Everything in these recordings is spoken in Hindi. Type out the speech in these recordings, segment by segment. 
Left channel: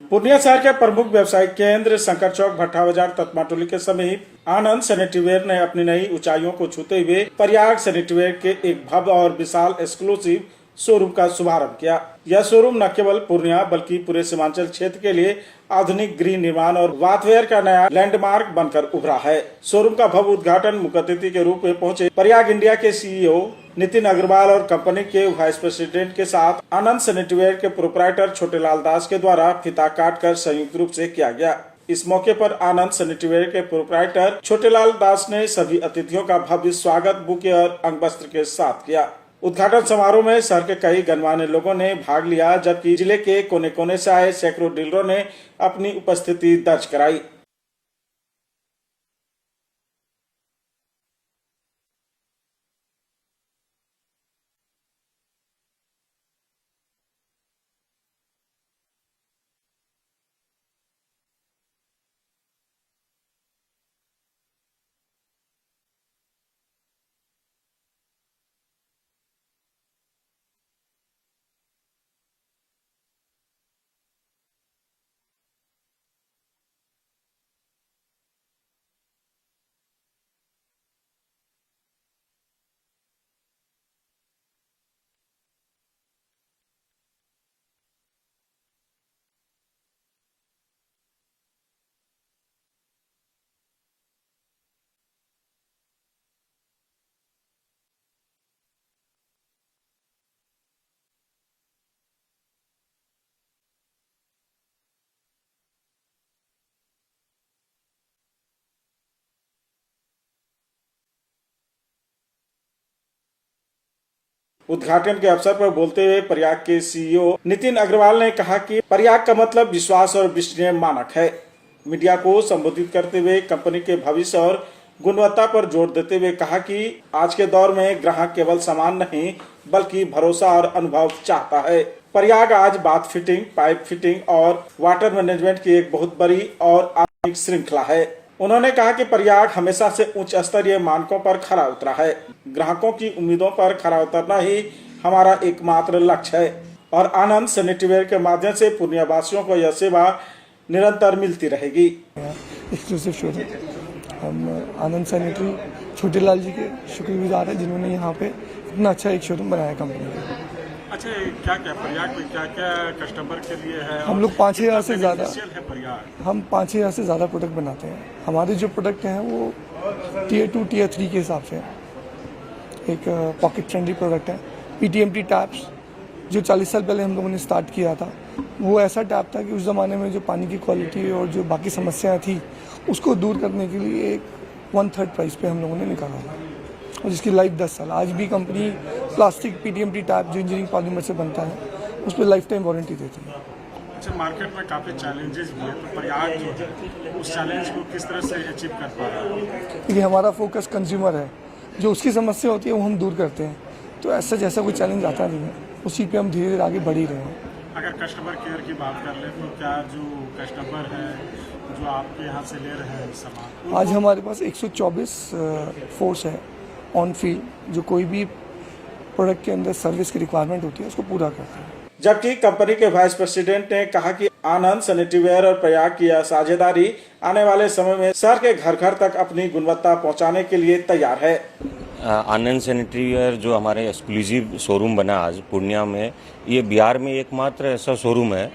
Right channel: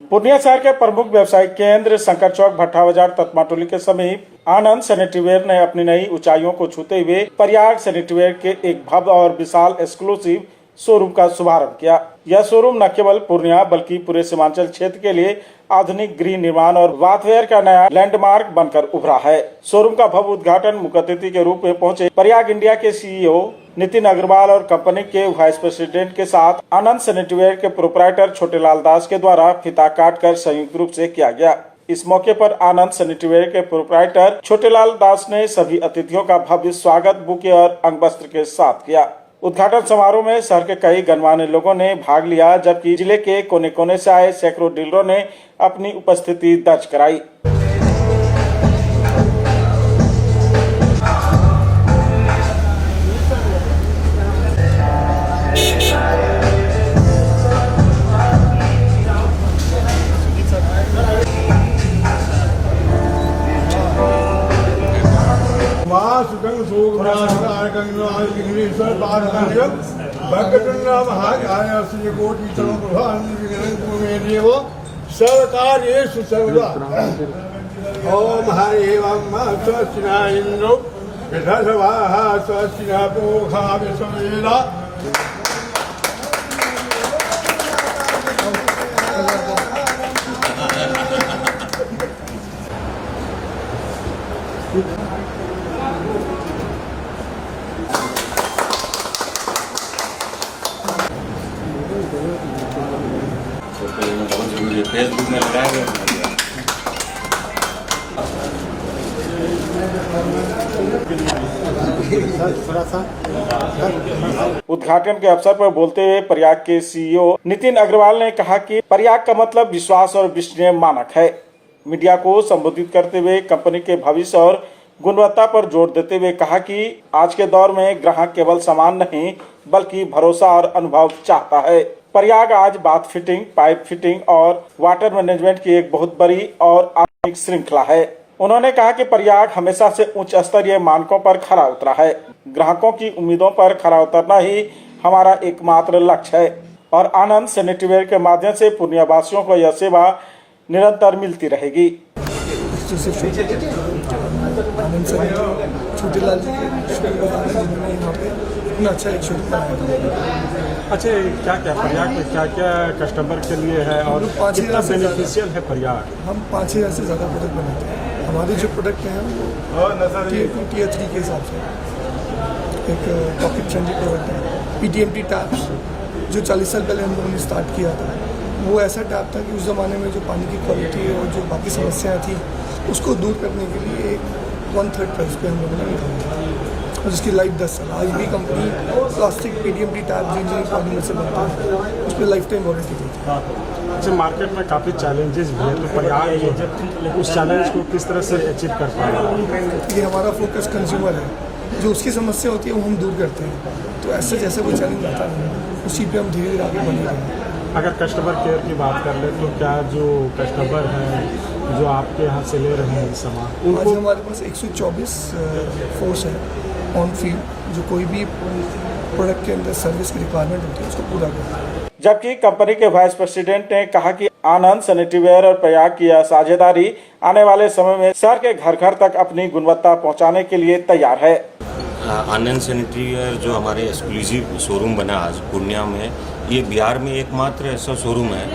पूर्णिया शहर के प्रमुख व्यवसायिक केंद्र शंकर चौक भट्टा बाजार तत्माटोली के समीप आनंद सैनिटरीवेयर ने अपनी नई ऊंचाइयों को छूते हुए प्रयाग सैनिटरीवेयर के एक भव्य और विशाल एक्सक्लूसिव शोरूम का शुभारंभ किया। यह शोरूम न केवल पूर्णिया बल्कि पूरे सीमांचल क्षेत्र के लिए आधुनिक गृह निर्माण और बाथवेयर का नया लैंडमार्क बनकर उभरा है। शोरूम का भव्य उद्घाटन मुख्य अतिथि के रूप में पहुंचे प्रयाग इंडिया के सीईओ नितिन अग्रवाल और कंपनी के वाइस प्रेसिडेंट के साथ आनंद सैनिटरीवेयर के प्रोपराइटर छोटेलाल दास के द्वारा फीता काटकर संयुक्त रूप से किया गया। इस मौके पर आनंद सैनिटरीवेयर के प्रोपराइटर छोटेलाल दास ने सभी अतिथियों का भव्य स्वागत बुके और अंग वस्त्र के साथ किया। उद्घाटन समारोह में शहर के कई गणमान्य लोगों ने भाग लिया, जबकि जिले के कोने कोने से आए सैकड़ों डीलरों ने अपनी उपस्थिति दर्ज कराई। सर्वकार्येषु सर्वदा ओम हरि ओम स्वस्तिना इंद्रो यथासवाः स्वस्तिना पूषा विश्ववेदा। फेसबुक में लगाएंगे। उद्घाटन के अवसर पर बोलते हुए प्रयाग के सीईओ नितिन अग्रवाल ने कहा कि प्रयाग का मतलब विश्वास और विश्वसनीय मानक है। मीडिया को संबोधित करते हुए कंपनी के भविष्य और गुणवत्ता पर जोर देते हुए कहा कि आज के दौर में ग्राहक केवल सामान नहीं बल्कि भरोसा और अनुभव चाहता है। प्रयाग आज बाथ फिटिंग, पाइप फिटिंग और वाटर मैनेजमेंट की एक बहुत बड़ी और आधुनिक श्रृंखला है। उन्होंने कहा कि प्रयाग हमेशा से उच्च स्तरीय मानकों पर खरा उतरा है। ग्राहकों की उम्मीदों पर खरा उतरना ही हमारा एकमात्र लक्ष्य है और आनंद सैनिटरीवेयर के माध्यम से पूर्णिया वासियों को यह सेवा निरंतर मिलती रहेगी। आनंद छोटेलाल जी के शुक्रगुजार हैं जिन्होंने यहाँ पे इतना अच्छा एक शोरूम बनाया था। अच्छा, क्या क्या प्रयाग में क्या क्या कस्टमर के लिए है और हम लोग 5,000 से बेनिफिशियल है प्रयाग? हम 5,000 से ज़्यादा प्रोडक्ट बनाते हैं। हमारे जो प्रोडक्ट हैं वो Tier 2 Tier 3 के हिसाब से एक पॉकेट फ्रेंडली प्रोडक्ट है। PTMT टैप्स जो 40 साल पहले हम लोगों ने स्टार्ट किया था, वो ऐसा टैप था कि उस ज़माने में जो पानी की क्वालिटी और जो बाकी समस्याएँ थी उसको दूर करने के लिए 1/3 प्राइस पे हम लोगों ने निकाला और जिसकी लाइफ 10 साल। आज भी कंपनी प्लास्टिक PTMT टैप जिन पॉलीमर से बनता है उस पर लाइफ टाइम वारंटी देती है। अच्छा, मार्केट में काफ़ी चैलेंजेस भी है, तो प्रयाग जो है उस चैलेंज को किस तरह से अचीव कर पा रहा है? ये हमारा फोकस कंज्यूमर है, जो उसकी समस्या होती है वो हम दूर करते हैं। तो ऐसा जैसा कोई चैलेंज आता नहीं है, उसी पे हम धीरे धीरे आगे बढ़ रहे हैं। अगर कस्टमर केयर की बात कर ले तो क्या जो कस्टमर हैं जो आपके यहाँ से ले रहे हैं सामान, आज हमारे पास 124 फोर्स है ऑन फील्ड, जो कोई भी प्रोडक्ट के अंदर सर्विस की रिक्वायरमेंट होती है उसको पूरा करता है। जबकि कंपनी के वाइस प्रेसिडेंट ने कहा कि आनंद सैनिटरीवेयर और प्रयाग की यह साझेदारी आने वाले समय में शहर के घर घर तक अपनी गुणवत्ता पहुंचाने के लिए तैयार है। आनंद सैनिटरीवेयर जो हमारे एक्सक्लूसिव शोरूम बना आज पूर्णिया में, ये बिहार में एकमात्र ऐसा शोरूम है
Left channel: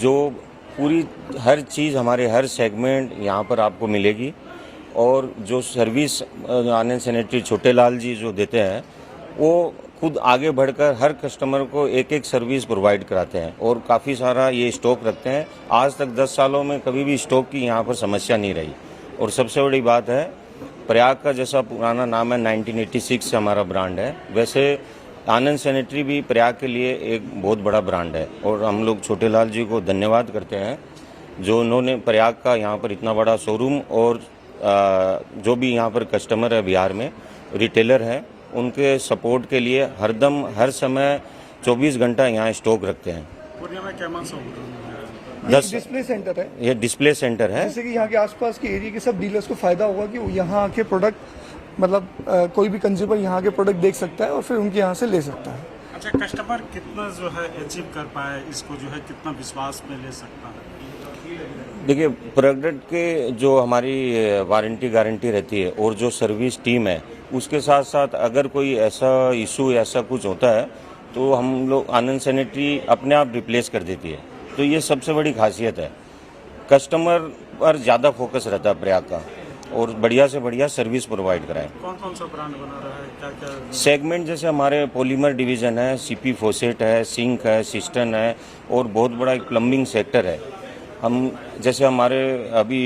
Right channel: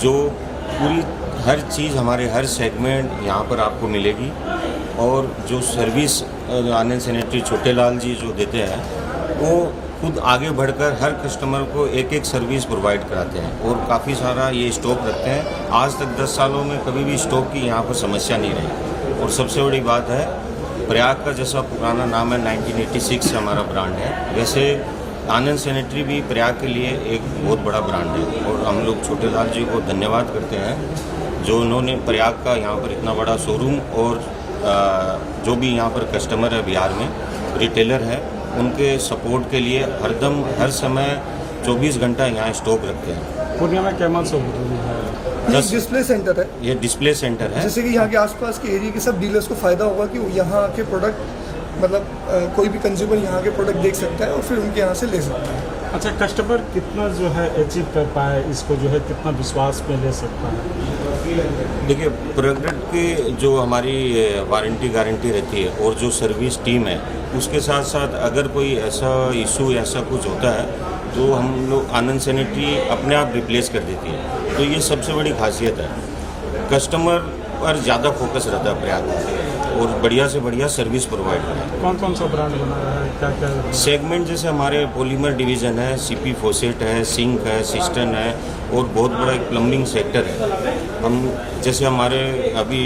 जो पूरी हर चीज़ हमारे हर सेगमेंट यहाँ पर आपको मिलेगी और जो सर्विस आनंद सैनिटरी छोटेलाल जी जो देते हैं वो खुद आगे बढ़कर हर कस्टमर को एक एक सर्विस प्रोवाइड कराते हैं और काफ़ी सारा ये स्टॉक रखते हैं। आज तक 10 सालों में कभी भी स्टॉक की यहाँ पर समस्या नहीं रही। और सबसे बड़ी बात है, प्रयाग का जैसा पुराना नाम है 1986 से हमारा ब्रांड है, वैसे आनंद सैनिटरी भी प्रयाग के लिए एक बहुत बड़ा ब्रांड है और हम लोग छोटेलाल जी को धन्यवाद करते हैं जो उन्होंने प्रयाग का यहाँ पर इतना बड़ा शोरूम और जो भी यहाँ पर कस्टमर है बिहार में रिटेलर है उनके सपोर्ट के लिए हरदम हर समय 24 घंटा यहाँ स्टॉक रखते हैं। पूर्णिया में कैमन शोरूम है, डिस्प्ले सेंटर है, ये डिस्प्ले सेंटर है, जैसे कि यहाँ के आसपास के एरिया के सब डीलर्स को फ़ायदा होगा कि यहाँ के प्रोडक्ट मतलब कोई भी कंज्यूमर यहाँ के प्रोडक्ट देख सकता है और फिर उनके यहाँ से ले सकता है। अच्छा, कस्टमर कितना जो है अचीव कर पाए, इसको जो है कितना विश्वास में ले सकता है? देखिए, प्रोडक्ट के जो हमारी वारंटी गारंटी रहती है और जो सर्विस टीम है, उसके साथ साथ अगर कोई ऐसा इशू ऐसा कुछ होता है तो हम लोग आनंद सैनिटरी अपने आप रिप्लेस कर देती है। तो ये सबसे बड़ी खासियत है, कस्टमर पर ज़्यादा फोकस रहता है प्रयाग में और बढ़िया से बढ़िया सर्विस प्रोवाइड कराए। कौन कौन सा ब्रांड बना रहा है, क्या क्या सेगमेंट जैसे हमारे पॉलीमर डिवीज़न है, सीपी फोसेट है, सिंक है, सिस्टन है और बहुत बड़ा एक प्लम्बिंग सेक्टर है। हम जैसे हमारे अभी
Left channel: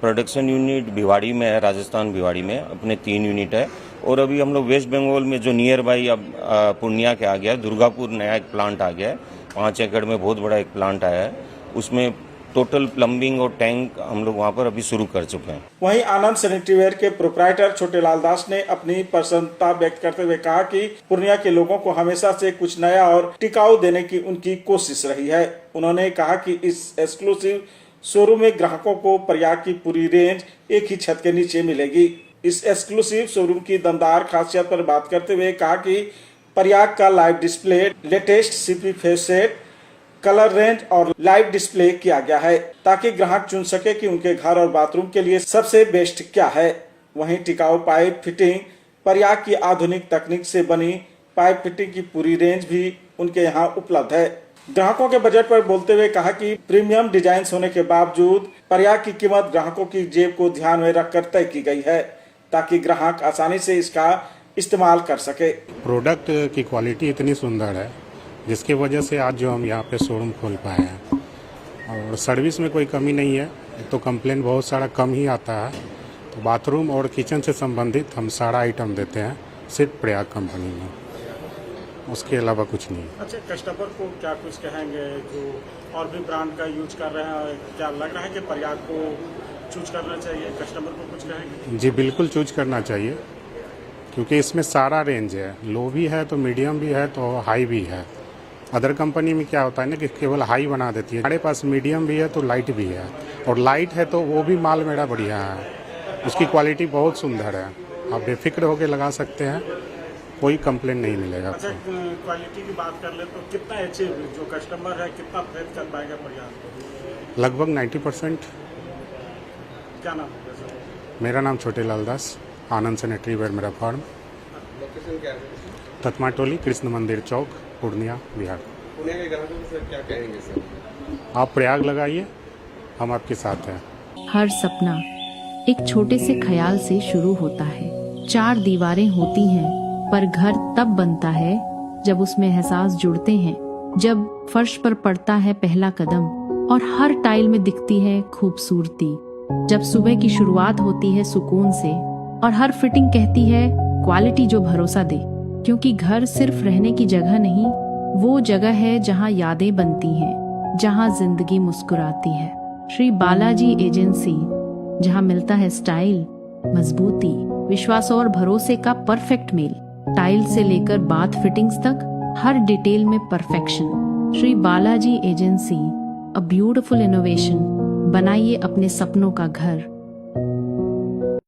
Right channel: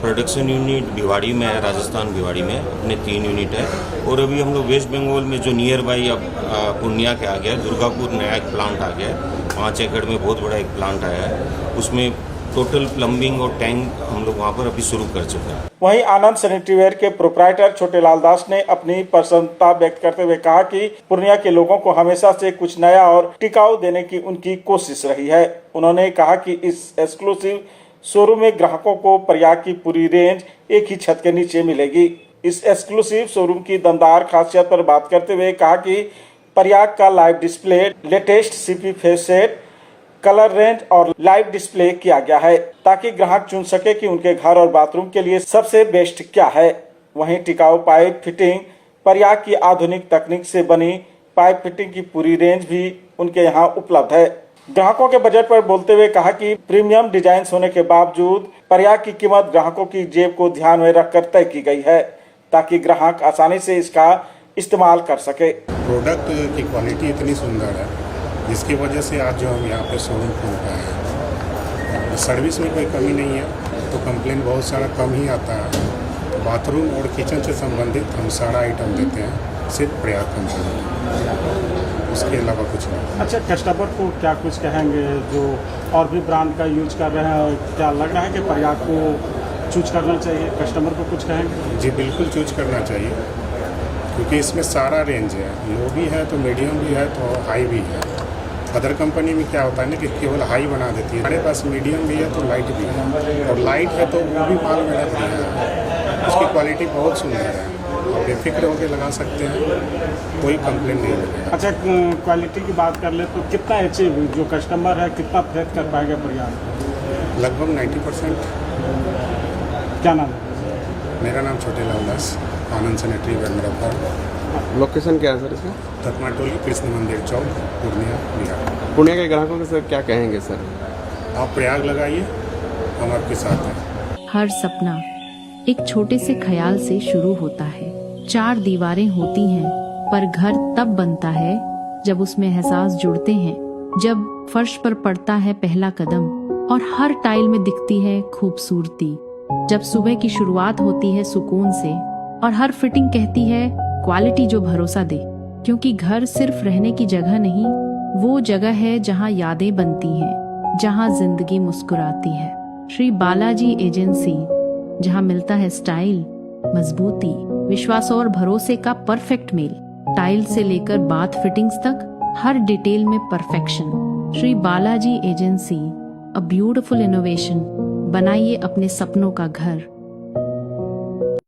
प्रोडक्शन यूनिट भिवाड़ी में है, राजस्थान भिवाड़ी में अपने 3 यूनिट है और अभी हम लोग वेस्ट बंगाल में जो नियर बाई अब पूर्णिया के आ गया है, दुर्गापुर नया एक प्लांट आ गया है, 5 एकड़ में बहुत बड़ा एक प्लांट आया है, उसमें टोटल प्लम्बिंग और टैंक हम लोग वहाँ पर अभी शुरू कर चुके हैं। वहीं आनंद सैनिटरीवेयर के प्रोप्राइटर छोटे लाल दास ने अपनी प्रसन्नता व्यक्त करते हुए कहा कि पूर्णिया के लोगों को हमेशा से कुछ नया और टिकाऊ देने की उनकी कोशिश रही है। उन्होंने कहा कि इस एक्सक्लूसिव शोरूम में ग्राहकों को प्रयाग की पूरी रेंज एक ही छत के नीचे मिलेगी। इस एक्सक्लूसिव शोरूम की दमदार खासियत पर बात करते हुए कहा कि प्रयाग का live display, latest CP face set, colour range और लाइव डिस्प्ले किया गया है ताकि ग्राहक चुन सके कि उनके घर और बाथरूम के लिए सबसे बेस्ट क्या है। वहीं टिकाऊ पाइप फिटिंग, प्रयाग की आधुनिक तकनीक से बनी पाइप फिटिंग की पूरी रेंज भी उनके यहाँ उपलब्ध है। ग्राहकों के बजट पर बोलते हुए कहा कि प्रीमियम डिजाइन होने के बावजूद प्रयाग की कीमत ग्राहकों की जेब को ध्यान में रखकर तय की गई है ताकि ग्राहक आसानी से इसका इस्तेमाल कर सके। प्रोडक्ट की क्वालिटी इतनी सुंदर है जिसकी वजह से आज जो हम यहाँ पे शोरूम खोल पाए हैं। सर्विस में कोई कमी नहीं है तो कंप्लेन बहुत सारा कम ही आता है। बाथरूम और किचन से संबंधित हम सारा आइटम देते हैं, सिर्फ प्रयाग कंपनी, उसके अलावा कुछ नहीं। अच्छा, कस्टमर को क्या कुछ कहेंगे जो और भी ब्रांड का यूज कर रहे हैं, क्या लग रहा है कि प्रयाग को चूज करना चाहिए? कस्टमर को कुछ कहेंगे? जी बिल्कुल चूज करना चाहिए क्योंकि इसमें सारा रेंज है, लो भी है तो मीडियम भी है तो हाई भी है। अदर कंपनी में क्या होता है ना कि केवल हाई बना देती है, हमारे पास मीडियम भी है तो लाइट भी है, और लाइट है तो वो भी माल मेरा बढ़िया है, उसकी क्वालिटी बहुत सुंदर है, आप बेफिक्र होकर लगा सकते हैं, कोई कंप्लेन नहीं मिलेगा। अच्छा, क्वालिटी की बात कर ले तो कितना अचीव जो कस्टमर है कितना प्रेरित कर पाएंगे प्रयाग? लगभग 90%। क्या नाम है? मेरा नाम छोटे लाल दास, आनंद सैनिटरीवेयर मेरा फर्म। लोकेशन क्या है सर इसका? तत्माटोली कृष्ण मंदिर चौक, पूर्णिया, बिहार। पुणे के ग्राहकों के सर क्या कहेंगे सर? आप प्रयाग लगाइए, हम आपके साथ हैं। हर सपना एक छोटे से ख्याल से शुरू होता है। 4 दीवारें होती हैं पर घर तब बनता है जब उसमें एहसास जुड़ते हैं, जब फर्श पर पड़ता है पहला कदम और हर टाइल में दिखती है खूबसूरती, जब सुबह की शुरुआत होती है सुकून से और हर फिटिंग कहती है क्वालिटी जो भरोसा दे। क्योंकि घर सिर्फ रहने की जगह नहीं, वो जगह है जहाँ यादें बनती हैं, जहाँ जिंदगी मुस्कुराती है। श्री बालाजी एजेंसी, जहाँ मिलता है स्टाइल, मजबूती, विश्वास और भरोसे का परफेक्ट मेल। टाइल से लेकर बाथ फिटिंग्स तक हर डिटेल में perfection. Shri Balaji agency, a beautiful innovation. बनाइए अपने सपनों का घर।